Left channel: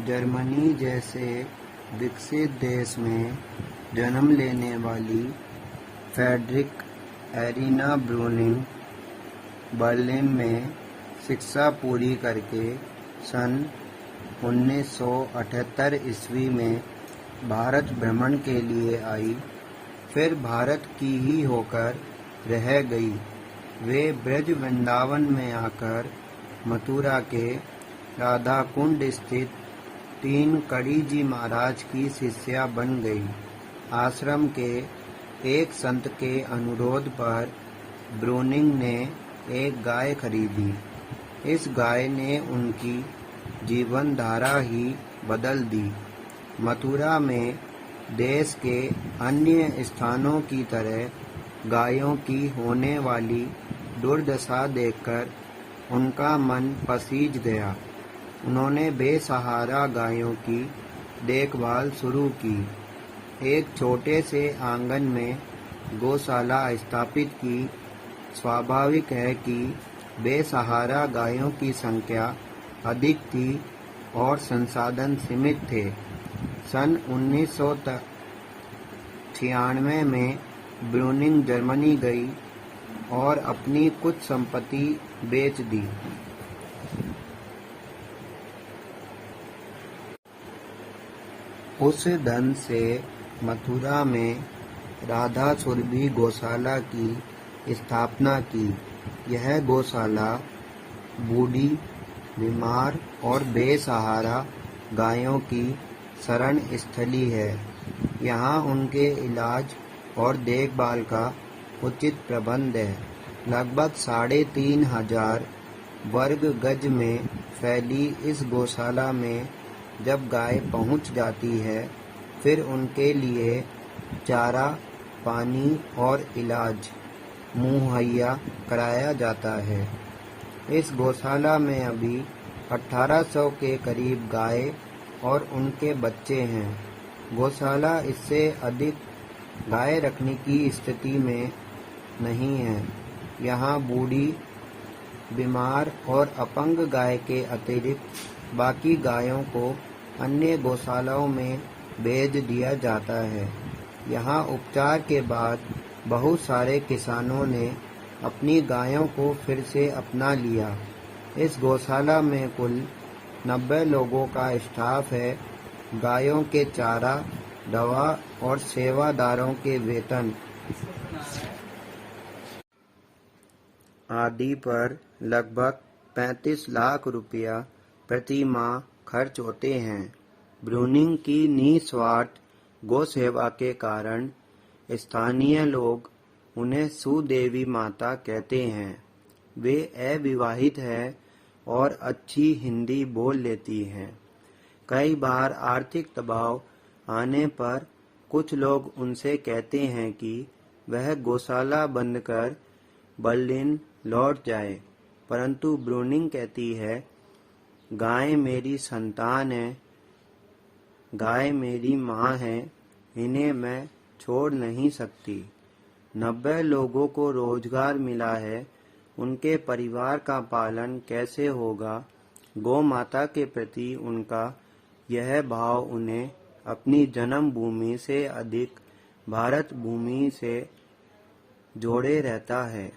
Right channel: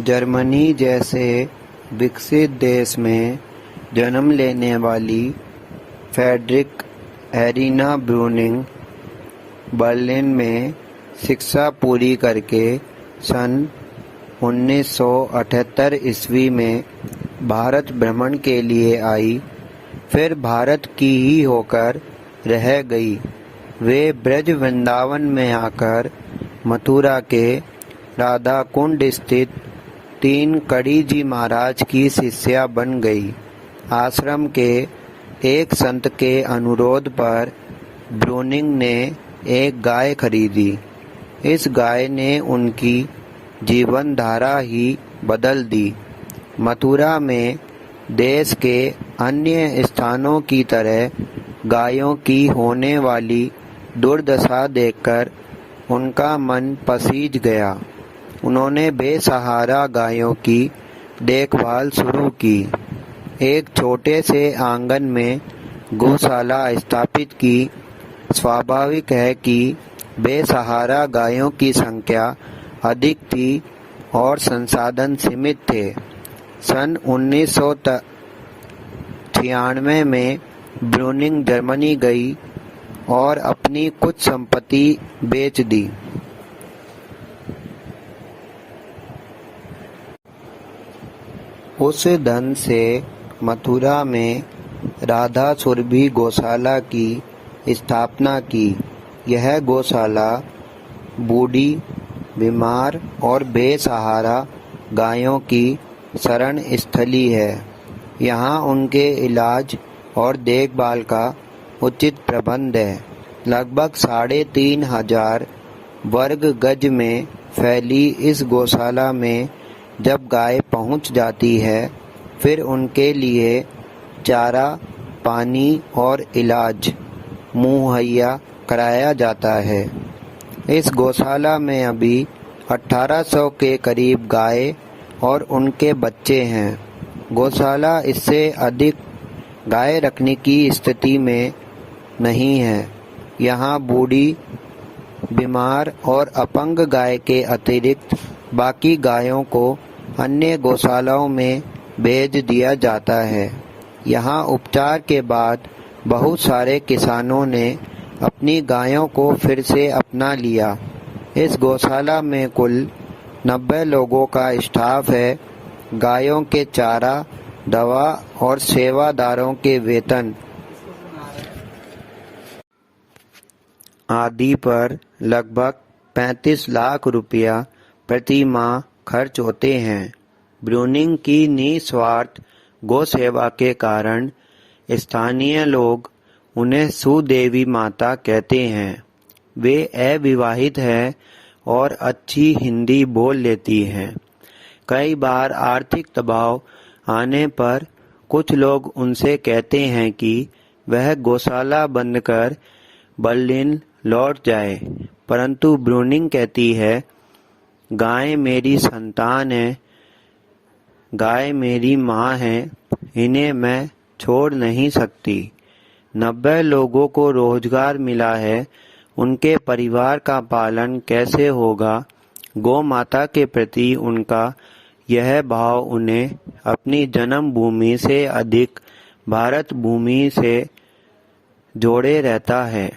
Germany जैसे विकसित देश में जन्म लेने वाली फ्रेडरिक एरिना ब्रूनिंग बर्लिन में शिक्षा पूरी करके सन 1978 ईस्वी में भारत भ्रमण के लिए आई। फिर भारत की ही होकर रह गई। वे ब्रज वृंदावन में आकर मथुरा के राधा कुंड स्थित तीन कड़ी जी महाराज की शिष्या बन गई। आश्रम के एक संत के अनुरोध पर ब्रूनिंग ने एक गाय खरीदी। इस गाय ने उनकी जीवन धारा ही बदल दी। मथुरा में देश के अन्य स्थानों की तरह गायों की होने वाली दुर्दशा देखकर उनका मन पसीज गया। उन्होंने बेसहारा गायों की देखभाल शुरू की। एक छोटे से आंगन में गौशाला स्थापित की। स्वाभाविक है कि बेसहारा गायों की संख्या अधिक थी और संसाधन सीमित थे। सन 1996 में ब्रूनिंग जर्मनी गई और अपनी कुछ संपत्ति बेच दी। उस धन से मथुरा में राधा सुरभि गौशाला की स्थापना की। यह गौशाला बूढ़ी, बीमार और बेसहारा गायों की शरण स्थली है। यहाँ उनके इलाज और देखभाल का उचित प्रबंध है। लगभग 3500 वर्ग गज में फैली इस गौशाला में जब गाय पहुँच जाती है, फिर उनके लिए चारा, पानी और इलाज मुहैया कराया जाता है। इस गौशाला में अभी 1800 के करीब गाय और उनके बच्चे हैं। गौशाला इससे अधिक गाय रखने की स्थिति में नहीं है। यहाँ बूढ़ी, बीमार और अपंग गाय के अतिरिक्त बाकी गायों को अन्य गौशालाओं में भेज दिया जाता है। यहाँ उपचार के बाद बहुत सारे किसानों ने अपनी गायों को फिर से अपना लिया। इस गौशाला में कुल 90 लोगों का स्टाफ है। गायों के चारा, दवा और सेवादारों के वेतन आदि पर लगभग 35 लाख रुपया प्रति माह खर्च होते हैं। ब्रूनिंग की निस्वार्थ गौ सेवा के कारण स्थानीय लोग उन्हें सुदेवी माता कहते हैं। वे अविवाहित हैं और अच्छी हिंदी बोल लेती हैं। कई बार आर्थिक दबाव आने पर कुछ लोग उनसे कहते हैं कि वह गौशाला बंद कर बर्लिन लौट जाए, परंतु ब्रूनिंग कहती है, गाय मेरी संतान है, गाय मेरी माँ है, इन्हें मैं छोड़ नहीं सकती। 90 लोगों को रोजगार मिला है, उनके परिवार का पालन कैसे होगा? गौ माता के प्रति उनका यह भाव उन्हें अपनी जन्मभूमि से अधिक भारत भूमि से जोड़े रहता है।